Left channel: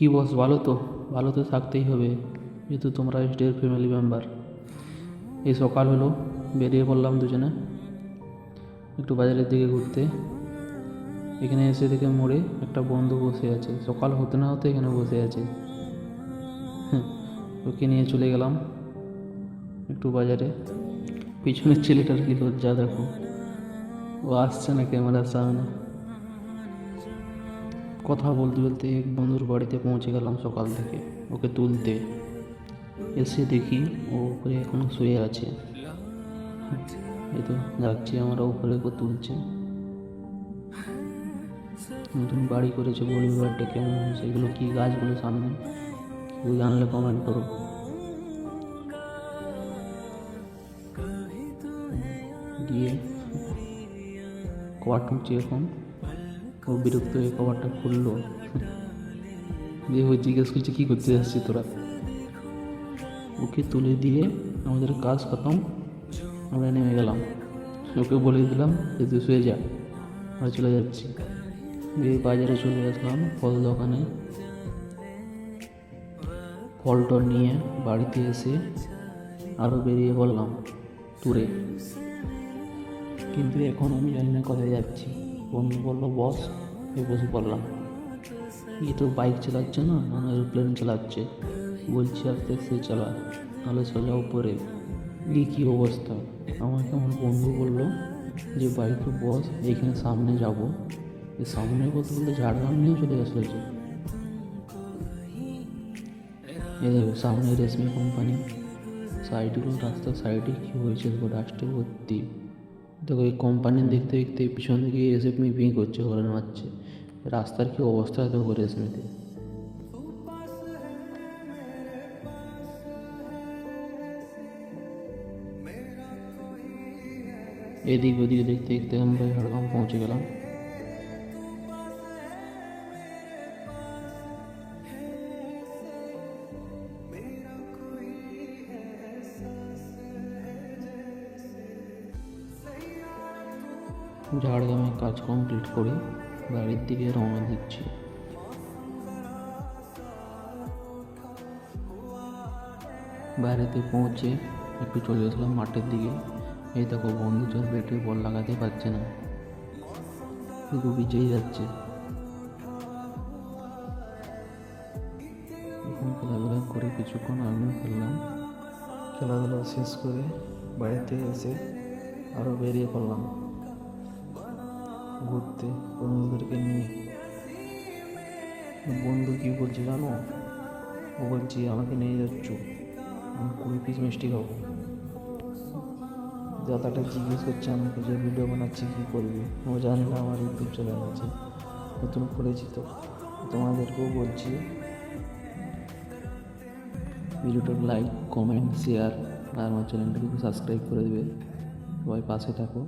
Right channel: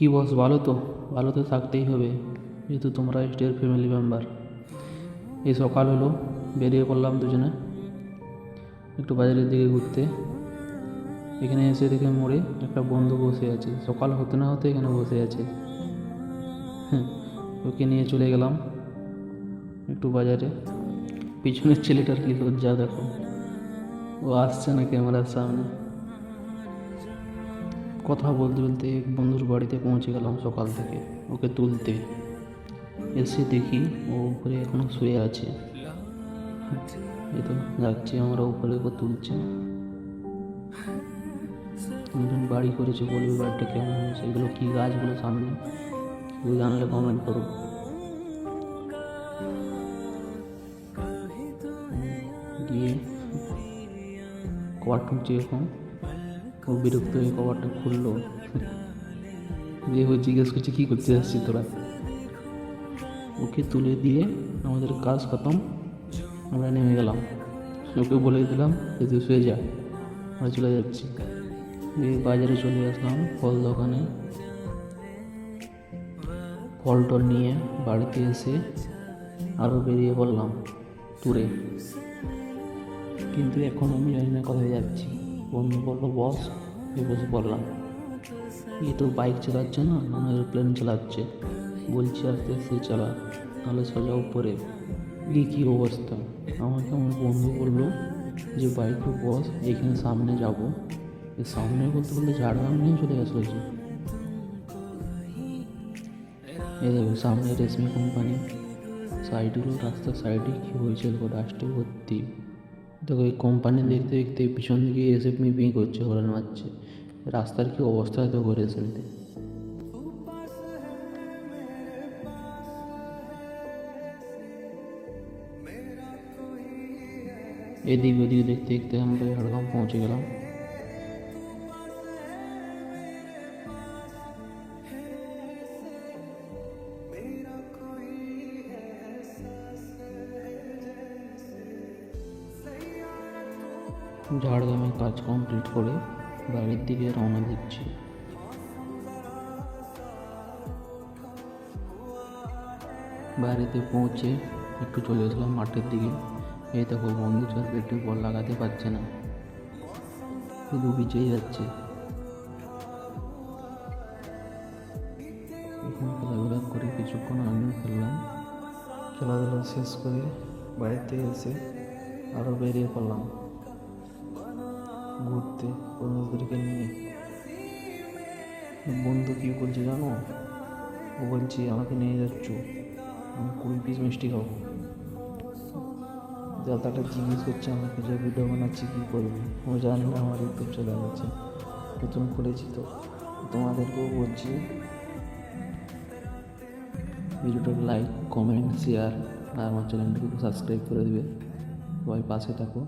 কি বস, ভালো তো? ভালো তো থাকতেই হবে, এই তো তোমরা স্টের ফ্যামিলি মেম্বার। এই সকাল হলো, বেরিয়ে পড়লাম দুজনে একটু বাজারের দিকে ঘুরতে। এখানে এসে দিকে মোড়ে একটা বন্ধু বসে আছে, সকাল হতে না হতে এখানে বসে আছে। ওকে নিয়ে চলে গেলাম একটু বাজারে। পিছনের ছেলেটার কি লজ্জা দেখো, ও আসছে না ক্যামেরার সামনে। কথা বলতে বলতে এক বন্ধুর বাড়িতে পৌঁছে গেলাম সকাল থেকে ওকে তুলতে। এসে দেখি ও উপরে এখনো শুয়ে আছে। এই তো যাচ্ছি আমরা উপরে, ওকে তুলছে। নতুন বাড়ি করেছে, বনি বাড়িটা কেমন, সেগুলো কি গাছগুলো সামনে কেউ জানলে কমেন্ট করো। গিয়ে কভার খুঁজছি এখন, ও বিরক্ত হয়ে কভারটা খুললো। দিয়ে ও জিজ্ঞেস করছে কী করতে আসছি তোরা। ওকে তুলে দিয়ে আমাদের কাজ খতম, আমরা নেমে গেলাম। ওকে বলে দিলাম যে তুই শুয়ে যা, আমরা চলে যাচ্ছি। এই বাজারে চলে আসলাম ফল দোকানে, ফলটা নিয়ে বাড়িতে এসে আরও বেরিয়ে পড়লাম ট্যুরে। কিন্তু এখন আমি জানি না কোথায় যাচ্ছি। বন্ধু বললো বস, এই বসে পড়লাম। এই তো বাইক চালাচ্ছে না, এরোপ্লেন চালাচ্ছে। বলছি আস্তে আস্তে চালা, তাহলে সোজা উপরে। দিয়ে কী অবস্থা, আমাকে আমার বন্ধু বললো যে বাইক বস, যেখানে সামনে যাবো, সামনে বলতে বললে ঝাড়গ্রাম নিয়ে চলে আসলো। এই দেখো সামনে রেশমি কোম্পানি, সাইডে রাস্তার সাইডে কী হয়েছে ডাস্টে ভর্তি। দেখো এই কোম্পানি দেখতে দেখতে পিছন দিকে এসে বিয়ে করছে, হরন মারছে। রাস্তার কি অবস্থা তো করে রেশমিতে। এদিক ওদিক দেখতে দেখতে আমরা ঝাড়গ্রাম পৌঁছে গেলাম। ঝাড়গ্রামের কাজ কমপ্লিট করে বাড়ির দিকে রওনা দিচ্ছি। বাড়িতে পৌঁছে একটু চলে আসলাম মাঠের দিকে। এই দেখো বন্ধু ছেলে একটু বল লাগাতে পারছে না, শুধু ভিজেই যাচ্ছে। এখানে খেলাধুলা করে কিছুক্ষণ আনন্দ করলাম। খেলাধুলা শেষ করে বাড়িতে এসে আরও বেরিয়ে পড়লাম ঘুরতে বন্ধুদেরকে নিয়ে। বন্ধু কী বলছে যাবো, ও বলছি আমাকে নিয়ে যাচ্ছ, আমি 20 পিস মিষ্টি খাবো। দাদাটা জিজ্ঞেস করছে আমাকে যে ভিডিও বানাচ্ছি কী করবো। আর জানি না আমার ইউটিউব চ্যানেল আছে, নতুন করেছি, তো তোমাদেরকেও বলছি ভিডিওটা লাইক কমেন্ট শেয়ার আর আমার চ্যানেলটিকে সাবস্ক্রাইব করে দেবে, সবাই পাশে থাকো।